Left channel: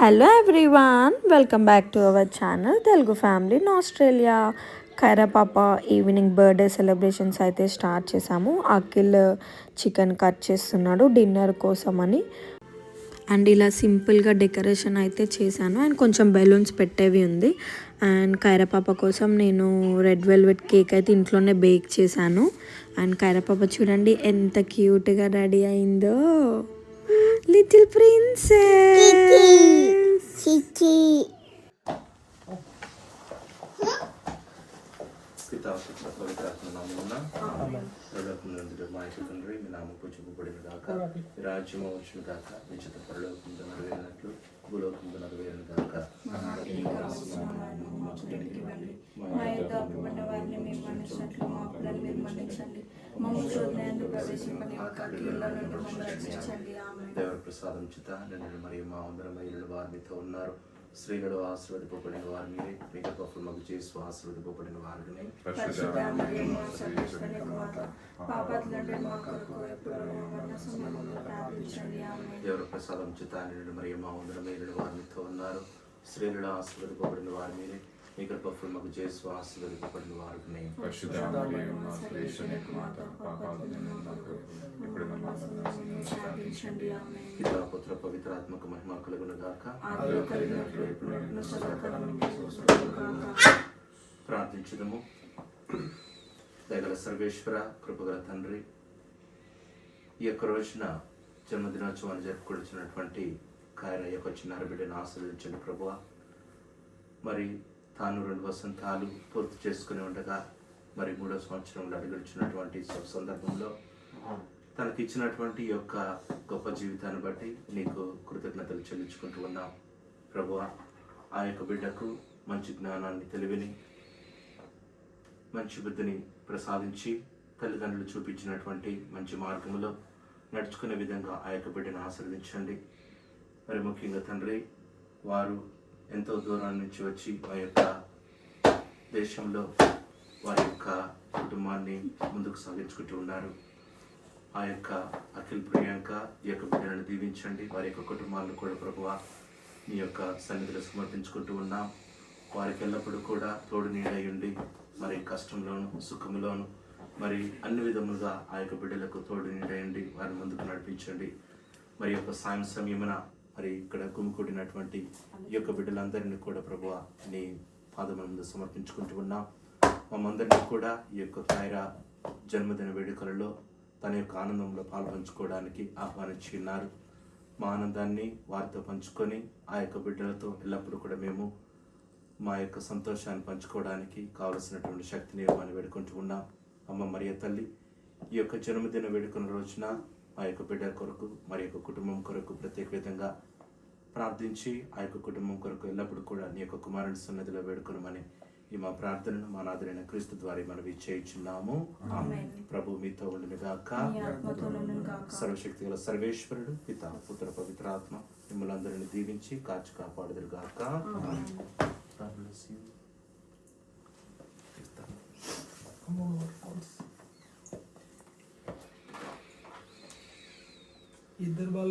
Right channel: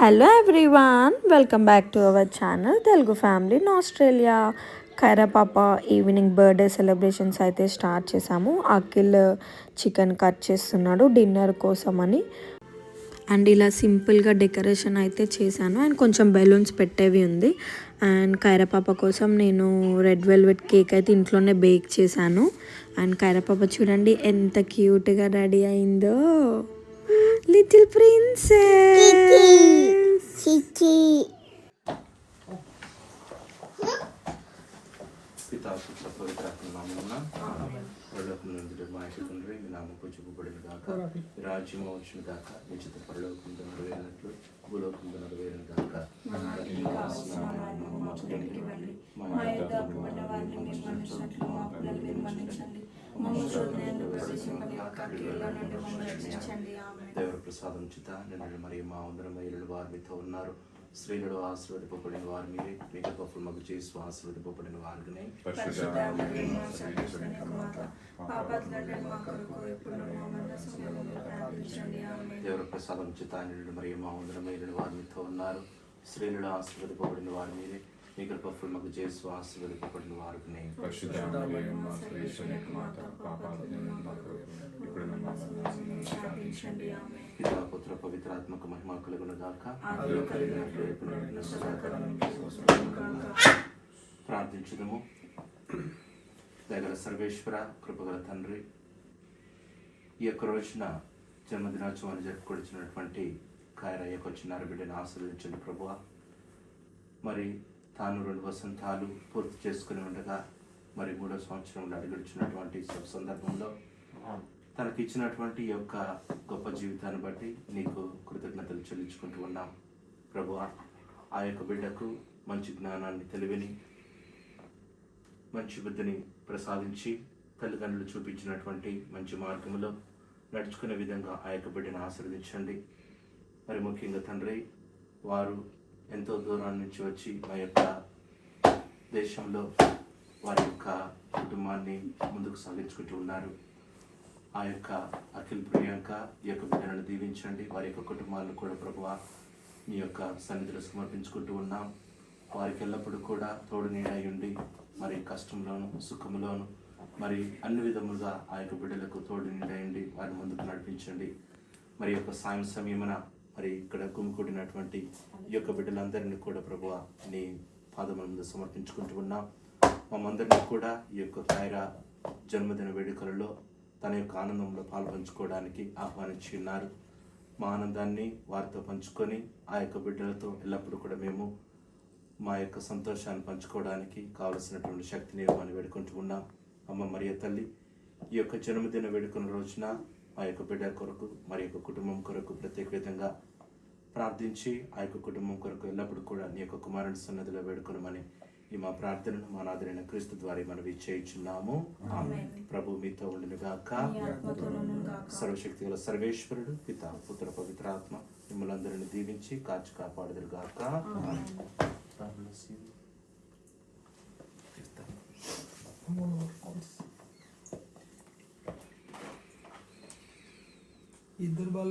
Hello everyone, welcome back to our channel Telugu family in Australia. Khaira పాప evening birthday celebrations అయితే start చేసాము. Akhil chicken cut చేస్తున్నాడు dinner కోసమని. And ఇలా సింపుల్గా డెకరేషన్ అయితే చేశాను. అండ్ కొంచెం బెలూన్స్ పెట్టేవి ఉంది. అండ్ ఖైరా పాప కోసం నేను రెడ్ వెల్వెట్ కేక్ అయితే ఇంట్లోనే బేక్ చేశాను. అండ్ ఖైరా పాప చూడండి ఎంత క్యూట్గా రెడీ అయిందో, లిటిల్ ప్రిన్సెస్. తండ్రి మీ నామం పూజింపబడిన గాక, రాజ్యము వచ్చిన గాక, మీ చిత్త పరలోకంలో నెరవేరినట్లు భూలోకంలో నెరవేరిన గాక. దేవుడి ప్రసాదం చిత నిన్ను మరియు మా అందరం మహిళలు వారు మీతో ఉన్నారు. స్త్రీలలో ఆశీర్వదింపబడిన వారు మీరే, మీ గొప్పలు మగు చేసి ఆశీర్వదింపబడిన వారిని. దేవుడి ప్రసాదం చిత నిన్ను మరియు మా అందరం మహిళలు వారు మీతో ఉన్నారు. స్త్రీలలో ఆశీర్వదింపబడిన వారు మీరే, మీ గొప్పలు మగు చేసి ఆశీర్వదింపబడిన వారిని. పితా పుత్ర పవిత్రాత్మక మహిమ కలుగును గాక. ప్రార్థించుదము. దయగల సర్వేశ్వర, కృపగల తండ్రి, ఈ యొక్క రోజున జన్మదినోత్సవాన్ని జరుపుకొచ్చినటువంటి ఖైరా యొక్క చిన్నారి బిడ్డను ఆశీర్వదించండి ప్రభువా. మరి తాను 2 వసంతాలు పూర్తి చేసుకుని ఉండగా మరి 3వ సంవత్సరంలో అడుగుడుచున్నటువంటి సందర్భంలో తనకి ఇచ్చినటువంటి ఈ యొక్క గొప్ప జీవితాన్ని బట్టి నీకు కృతజ్ఞతలు చెల్లించుకుంటూ ఉన్నాం ప్రభువా. ఆ యొక్క బిడ్డకు మంచి జ్ఞానాన్ని, తెలివిని, మంచి బుద్ధిని ప్రసాదించి తల్లిదండ్రులు చూపించినటువంటి మంచి మార్గంలో నడుచుకునే విధంగా ఆ యొక్క బిడ్డను ఆశీర్వదించండి. మరి ముఖ్యంగా తండ్రి, వారు ఎంతో దూరం నుంచి వచ్చి మా యొక్క దేశంలో వారి యొక్క కుటుంబాన్ని ముందుకు సాగించుకుంటూ ఉన్నారు. ఆ యొక్క అఖిల్, ప్రియాంక ఈ యొక్క బిడ్డలను దీవించండి. వారి యొక్క కుటుంబాలను కూడా ప్రభువా మీ యొక్క సన్నిధిలో సమర్పించుకుంటూ ఉన్నాం. వారికి ఎల్లప్పుడూ కూడా తోడు నీడై ఉండి మరి కష్టంలోను సుఖంలోను మరి అన్ని విధములుగా ఆ యొక్క బిడ్డలకు తోడు నీడై ఉండి వారిని ముందుకు నడిపించండి. మరి యొక్క సాయం సమయమున మరి ఇక్కడ గుమికూడినటువంటి ఈ యొక్క బిడ్డలందరినీ కూడా ప్రభువా నీ పాదముల ముందు సమర్పించుకుంటూ ఉన్నాం. మమ్మందరినీ కూడా ఈ యొక్క ఖైరా జన్మదిన వేడుకలలో తన యొక్క ఆనందంలో పాల్పంచుకోవడానికి ఆహ్వానించి ఉన్నారు. మా ఆనందాన్ని వారితో పంచుకొని ఆ యొక్క బిడ్డలతో ఎల్లప్పుడూ కూడా మేము మా యొక్క సంతోషాన్ని పంచుకోవడానికి కావలసినటువంటి శక్తిని ఇవ్వమని వేడుకుంటూ ఉన్నాం. అమ్మ మరియ తల్లి, ఈ యొక్క జన్మదిన వేడుకల రోజున ఆ యొక్క బిడ్డ కొరకు మరి యొక్క కుటుంబం కొరకు ప్రత్యేక విధంగా ప్రార్థించి ఆ యొక్క కుటుంబం కొరకు ఎల్లప్పుడూ కూడా నీ యొక్క కుమారుని సన్నిధిలో వేడుకొనమని ఈ మా ప్రార్థనను మా నాథుడైన క్రీస్తు ద్వారా మనవి చేయుచున్నాము. ప్రభు మీతో ఉండును గాక. సర్వశక్తి గల సర్వేశ్వరుడు పిత పుత్ర పవిత్రాత్మ మిమ్మల్ని అందరిని దీవించి కాచి కాపాడుదురు గాక. ఇద్దరు బాలు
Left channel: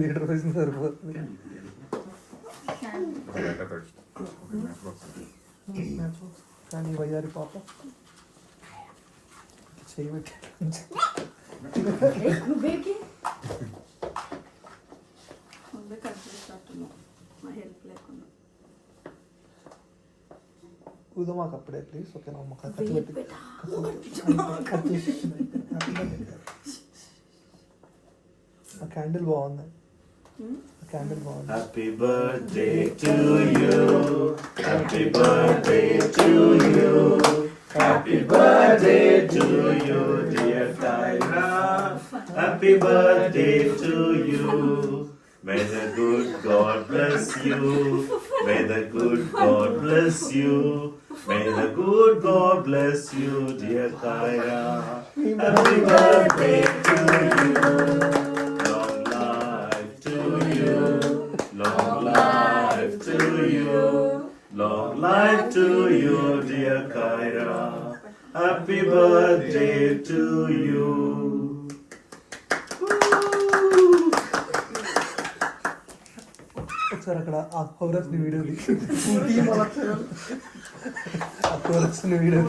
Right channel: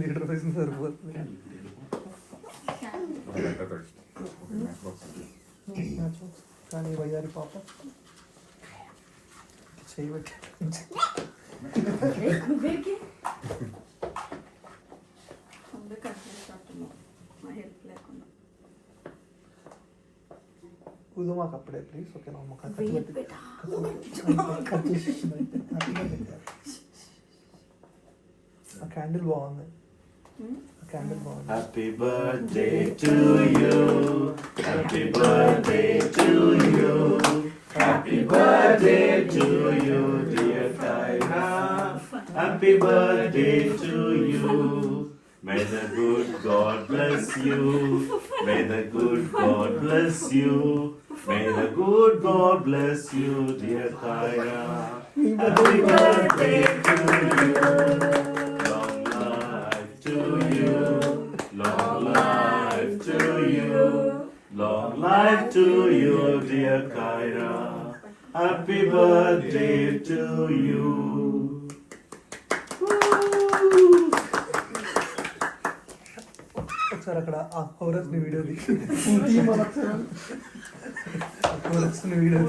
లీటర్ వేసిన సరిపోతుంది. కానీ వయ్యారి పాప చేయబట్టి మాకు అప్పుడే ప్లీజ్. ఓకే క్యాండిల్ బాగుంది. Happy birthday to you. Happy birthday to you. Happy birthday to you, dear Khayra. Happy birthday to you. May the good God bless you. May the good God bless you. May the good God bless you, dear Khayra. Happy birthday to you. Long life to you. Long life to to you. Long life to you, dear Kyra. Happy birthday to you. ఒకసారి అక్కడ ఆ chorus ని video chorus ని video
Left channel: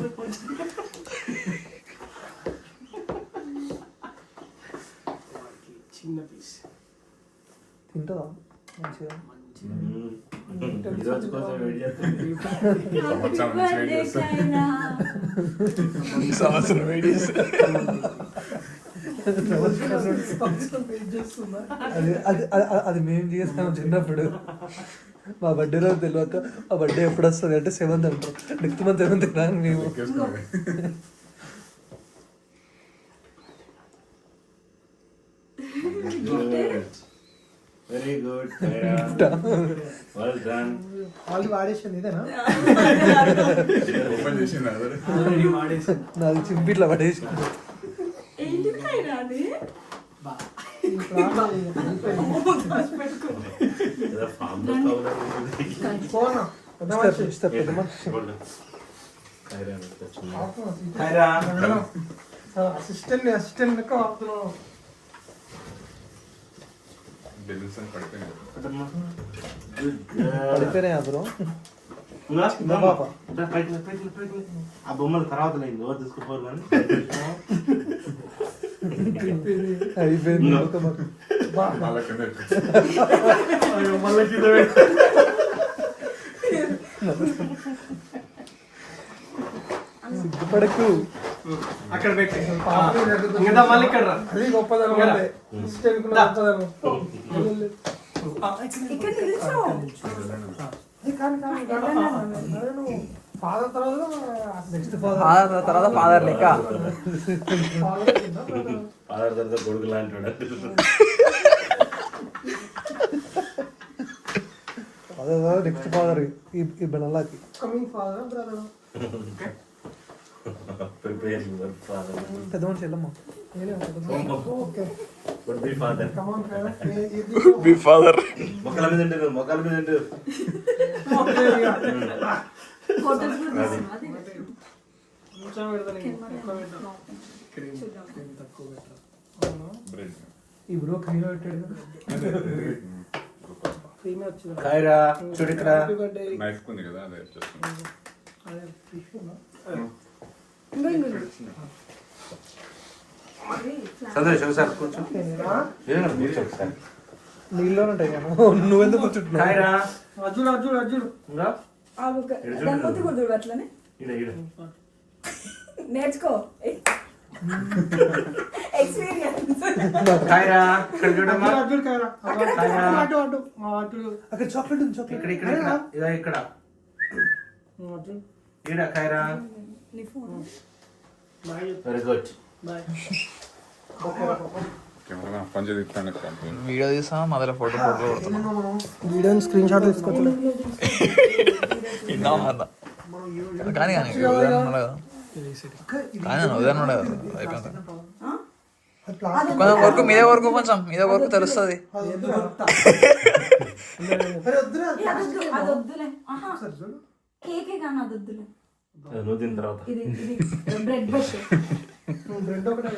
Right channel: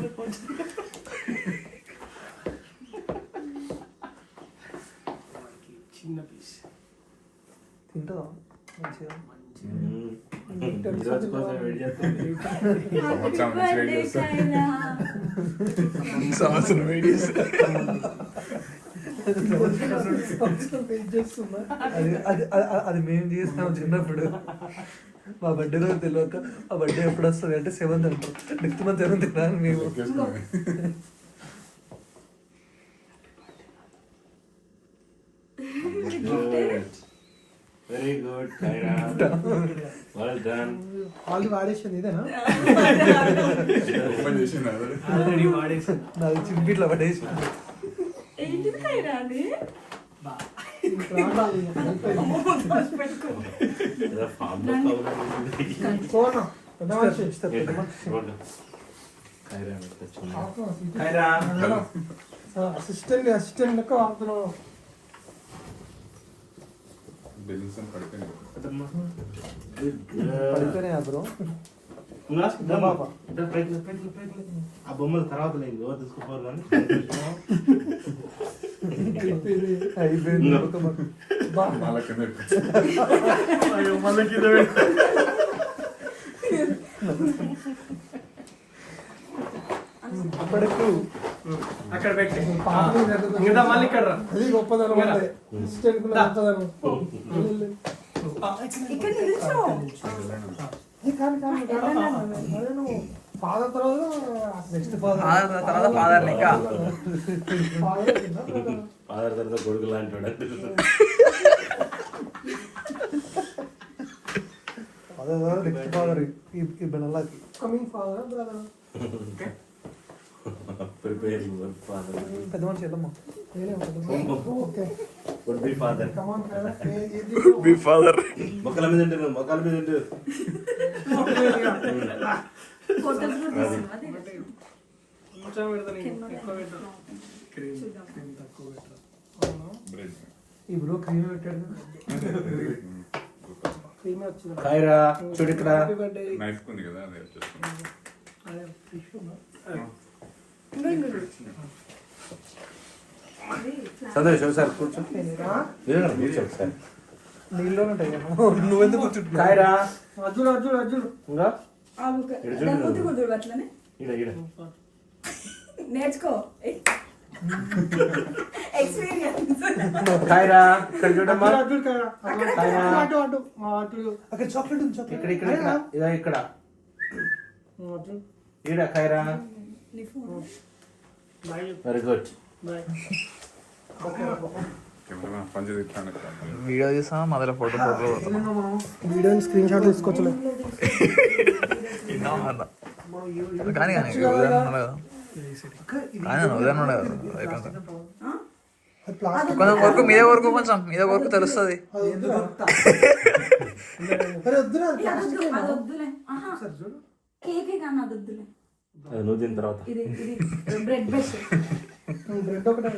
చిన్న piece తింటావా మంచిగా ఈరోజు కోసం వెయిట్ చేస్తుంది. సంవత్సరం వెయిట్ చేస్తా. అది మేము చేస్తాం చిన్నప్పుడు. మా బర్త్డే రోజు తెలియక ఆ బర్త్డే ఎప్పుడు వస్తుంది అంటే 7th అంటే నెక్స్ట్ మంత్ 7th రాని మేము very good Kiara, well done. వాళ్ళు వాడేసింది ఇదేనా ఓపెన్ చేసింది అదే. ఆల్రెడీ వాడేసాను. నాకు చింపిట్లా పడేసింది. ఏదో ఫామ్ లో పౌడర్ ఉంది. కైరా అసిస్టెంట్ లెక్క వాడుతున్నావు. బెలూన్స్ అని పడిపోయింది. Good girl. పడిపోయినాయి బ్రో. ఆ బొమ్మలు తర్వాత లేదు, ఎవరు తీసుకుపోరు కానీ అయిపోయింది. అలా కింద ఇప్పటికి అక్కడ పెట్టి ఇంకా మళ్ళీ ఇక్కడ రా. అది గొప్పదనం అంటే అసిస్టెంట్ కూడా గొప్పదనం. ఫాదర్ తర్వాత ఫాదర్ లెక్క ఫాదర్ తర్వాత కొడుకు లాంటి నెక్స్ట్ ఫాదర్ ఈ బెల్లకి coming father brother preparing father పెద్ద మనిషి వెళ్ళమ్మా. Okay good be father. Be father. మొక్కల మీద ఉంటారు, మొక్కల మీద ఉంటారు. కొంచెం పెడతాను, ఎక్కువ పెట్టాను. తక్కువ పెట్టాను. బ్రెడ్. ఈ బ్రో క్రీమ్ పెట్టాడు. క్రీమే వచ్చింది. కైరా చూడు ఇక్కడ. నైఫ్ ఉంది కదా అదే వచ్చేస్తుంది. సంతోష్ ఒకసారి కూర్చో. కూర్చో ఒకసారి. నీళ్ళు ఉంటాయి కదా, నువ్వెందుకు కూర్చుంటున్నావు? కైరా అర్జున్ అర్జున్ అర్జున్ ఇంకా అట్లనే ఈడ ఈడ నేర్చుకో ఎక్స్పీరియన్స్. కైరా ఇక్కడ చూడమ్మా. అర్జున్ కైరా కైరా అటు అటు అటు అక్కడ చాక్లెట్ ఉంది, చాక్లెట్. ఇక్కడ ఇక్కడ ఇక్కడ ఇదా ఇక్కడ అర్జున్ ఈడ కైరా. నీ phone bye very good. Bye. Camera పంచి తీస్తాను. వీడియో తీస్తాను మొదల ఫోటో కొడుతున్నాం. వీడియోని స్క్రీన్ షాట్ తీసుకోవచ్చు. కానీ కానీ ఉదయం ఉన్నాడు కదా, కానీ ఉదయం ఉన్నాడు కదా, అయిపోయింది. కొంచెం వరకు మీద వరకు కొంచెం మీద వరకు తెలుస్తుంది. అది వద్దులే. ఆహా కేకే కానీ అది వద్దులే. నువ్వు తిన్న తర్వాత ఇది బ్రెడ్ బెస్ట్. బ్రెడ్ ఒకటే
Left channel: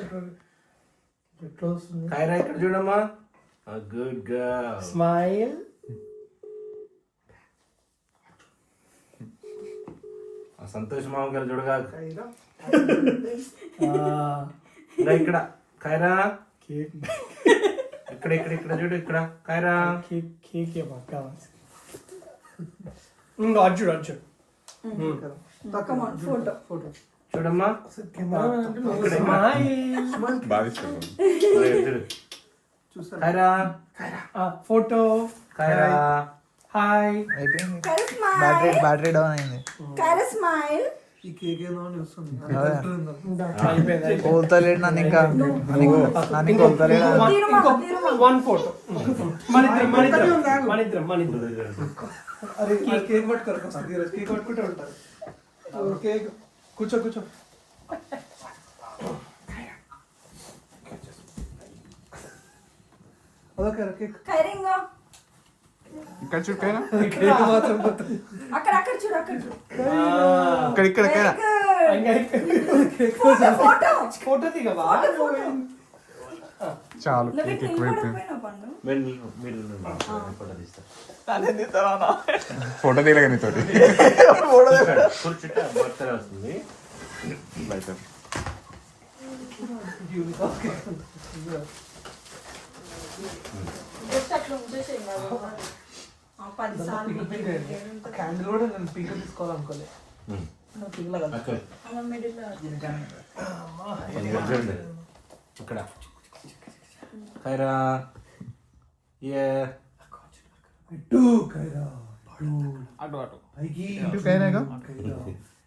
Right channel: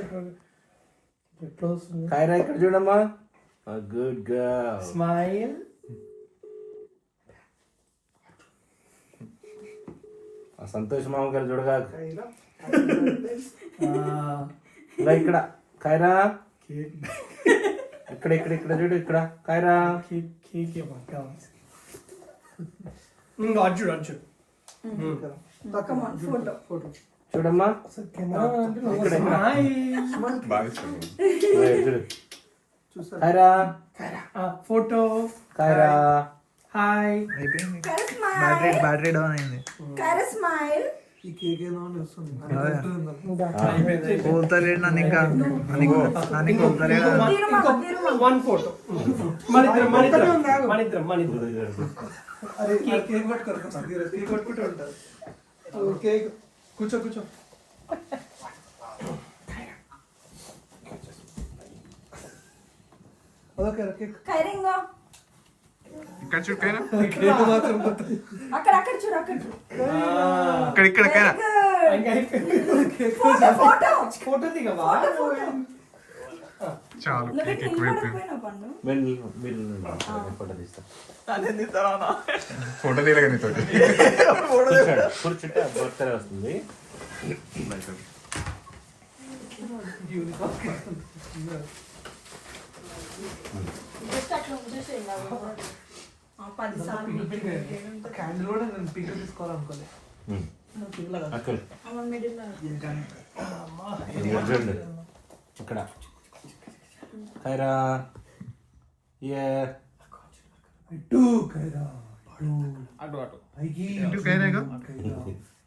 ఎట్లా వస్తుంది? కైరా ఇక్కడ చూడమ్మా. Good girl. స్మైల్. ఆ సంతోష్ మామ గారు చూడగా. కైరా. ఇంకా ఇక్కడ కైరా. ఇక్కడ ఇక్కడ ఇక్కడ చూడు ఇక్కడ కైరా. కేక్ కేక్ ఇంకా Arjun Arjun Come on, photo. Photo చూడమ్మా. బాగా ఇష్టం. చూసారు కైరా ఫోటో కైరా. హాయ్. అయిపోయింది. Kyra smile. బ్యాటరీ డౌన్ అయింది. Kyra smile. ఈ కేక్ ఏదో అని వస్తుంది. అయిపోయింది. కోల్తలేడు నన్ను ఇంకా నన్ను కోల్తలేడు. వన్ ఫోటో మనిద్దరం మనిద్దరం అరే కేక్ పట్టుకోరు, కేక్ పట్టుకుంటూ ఉంటారు. కేక్ కూర్చో కూర్చో. Okay cake. Kyra. ఇక్కడ చూడకైనా కేక్ మాత్రం పోతుంది. అక్కడ అక్కడ చూడు అక్కడ చూడు ఇక్కడ ఇక్కడకైనా ఫోటో ఫోటో దిగవా చాలు నువ్వు కేక్ నిలబడకపోయినా ఎక్కువైపోయింది. పండు మీరు ఫోటో తీస్తారు ఫోటో తీయలేక నీతోటి కూర్చుంటే బొత్తనే వస్తుంది. జస్ట్ అట్లా ఉంచేసేయి బాబు. 10 సార్లు క్యాండిల్ కూడా నేను పీక తీసుకోవాలనుకోలేదు. నువ్వు పిల్లగా అక్కడ అమ్మ మిడిల్ ఇక్కడ ఖైరా ఏ ఇటు కైరా పడు అటు అటు పైకి ఇటు కైరాగా? కైరా.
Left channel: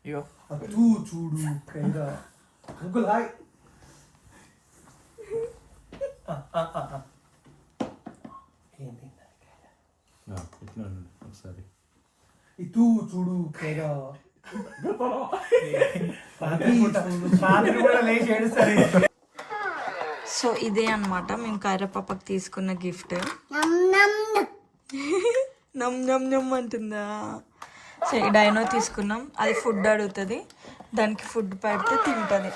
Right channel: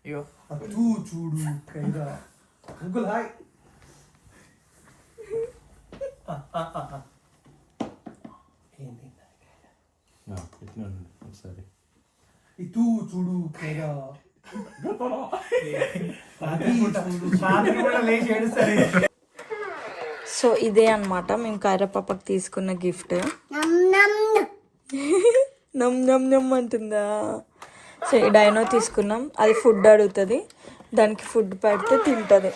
ఇగో అటు చూడు కైరా. Uncle hi. ఏంటి ఇట్లా ఒకసారి ఇటు చూడు కైరా. రాత్రి కూడా లేచి ఏడుస్తారు. సో ఇదే అన్నమాట మేము కైరా పాపకి తీసుకున్న గిఫ్ట్. నమ్ నమ్ నమ్ అంటుందా. సో ఈ డైనో తీసుకున్నాం. అది ఫుడ్ అడుగుతుంది, దానికి ఫుడ్ పెడితే తింటుంది.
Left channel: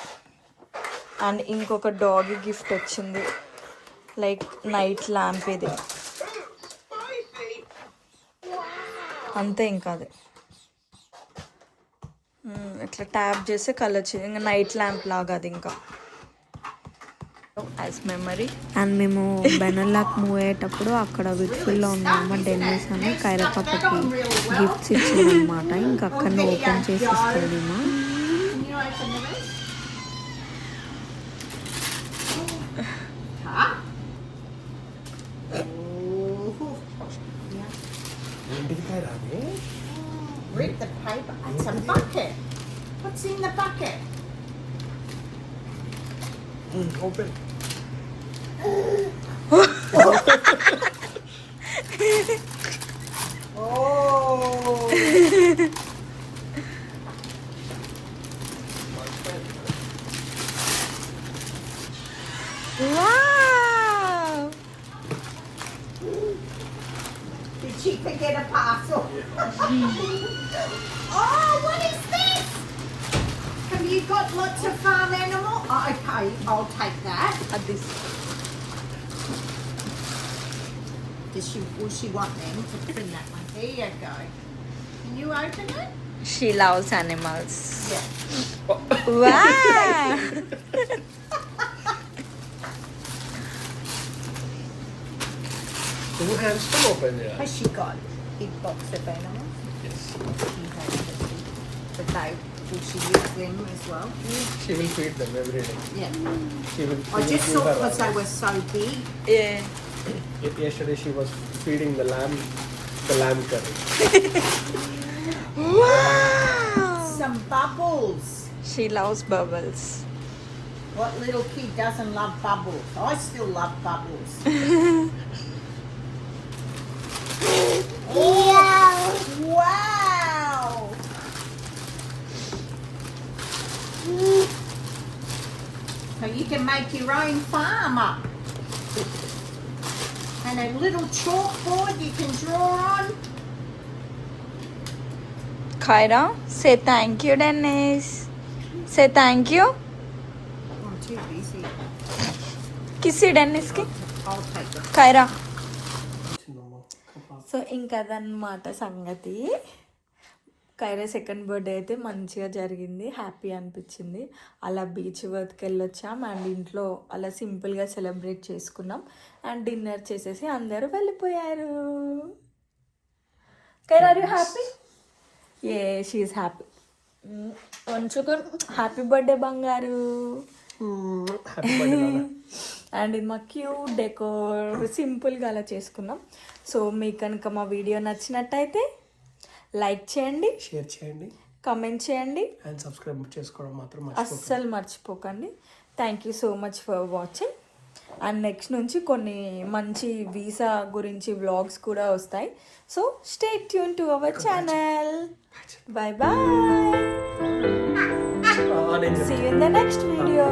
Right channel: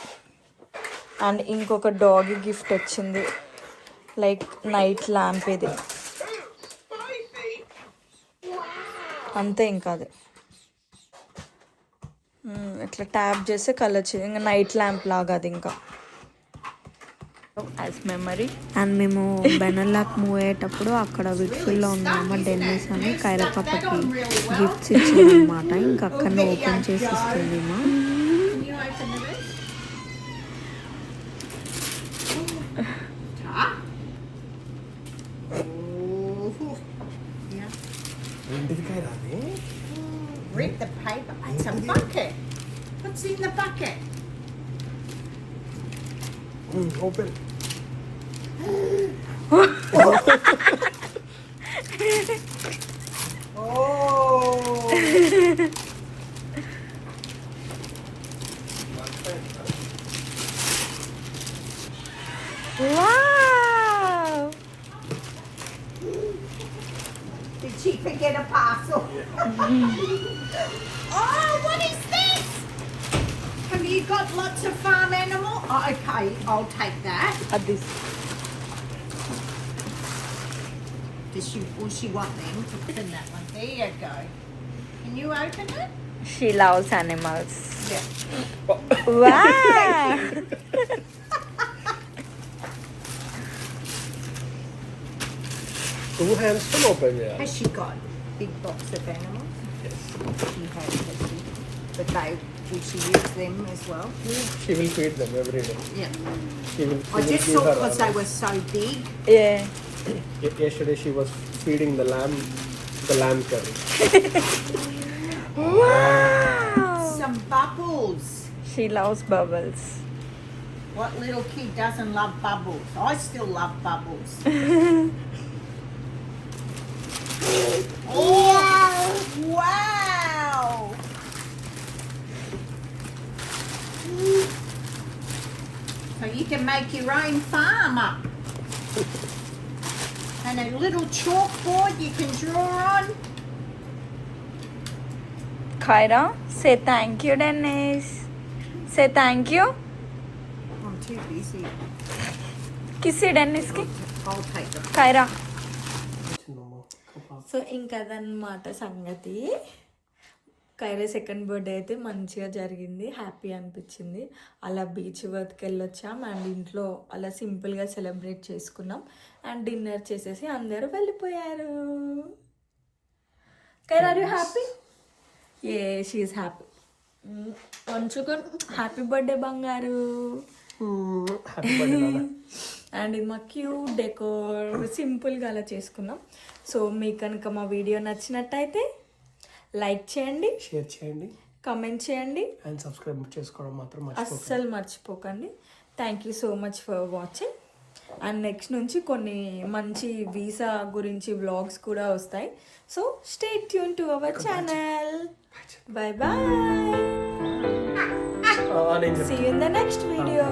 అండ్ ఇంకొక డాగ్ గిఫ్ట్ వచ్చింది, లైక్ నైట్ ల్యాంప్. ఇది అంతే, ఇంకా అది ఇట్లా ట్యాప్ చేస్తే కలర్ చేంజ్, ఇంకా నైట్ ల్యాంప్ లాగా అది ఇంకా యాజ్ మెమరీ. అండ్ మేము బెనర్లాక్ మూవ్ అయ్యేటప్పుడు అక్కడ విట్ఫుల్లో ఉన్నాము. డెన్నిస్ అని కైరా పాపకి గిఫ్ట్స్ ఇచ్చింది అనమాట. ఇంకా అక్కడ ఓపెన్ చేసి ఇస్తుంది మా. Read the paper. It's a bucket. What's in the bucket? Open. Wow! Did she forget a parcel? Oh, what is this? Have you got lots of farm animal? Oh, okay, I'll take that. అది Will she want them to open that one? There you go. Can you open it? she loves animals. Yeah. Wow! Two hands తో open చేయాలి. Has she got a big box of animals? Yes, she has. But will she use them as well? She will feed them every day. Yeah. She will I just give thought her because they were so big. Yeah. Yesterday she was feeding the lamb curry. Wow! Some bubbles. She loves bubbles. What little kid doesn't love bubbles? I still love bubbles. Oh, wow! So you can make your own farm up. And a little chalkboard you can draw on. Kyra, say thank you, Dennis. Say thank you. I'm too busy. Kissy Dennis ki. I'll take it. Kyra. So ఇంకా అదనమాట సంగతి. Kiara second birthday అయితే మంచిగా జరిగింది, happy అనిపించింది. అలా beach వరకు వెళ్ళొచ్చాం and ఇంట్లో అలా సింపుల్గా సెలబ్రేట్ చేసుకున్నాం అండ్ డిన్నర్ చేసేసి అందరూ వెళ్ళిపోయారు. Kiara are you happy? ఏ షీఈస్ హ్యాపీ. కొంచెం హ్యాపీ బర్త్డే బంగారు. అండ్ ఇది మా క్యూట్ డెకోర్ సింపుల్గా అలా చేసుకున్నాం. సో మీకు కనుక మా వీడియో నచ్చినట్టయితే లైక్ చేయండి, షేర్ చేయండి, కమెంట్ చేయండి అండ్ సబ్స్క్రైబ్ చేసుకోవడం మాత్రం అస్సలు మర్చిపోకండి. Thank you so much for watching. And next నుంచి కొన్ని మంచి వీసా గురించి వ్లాగ్స్ కూడా వస్తాయి. So stay tune to our channel. Bye bye. See you in the next video.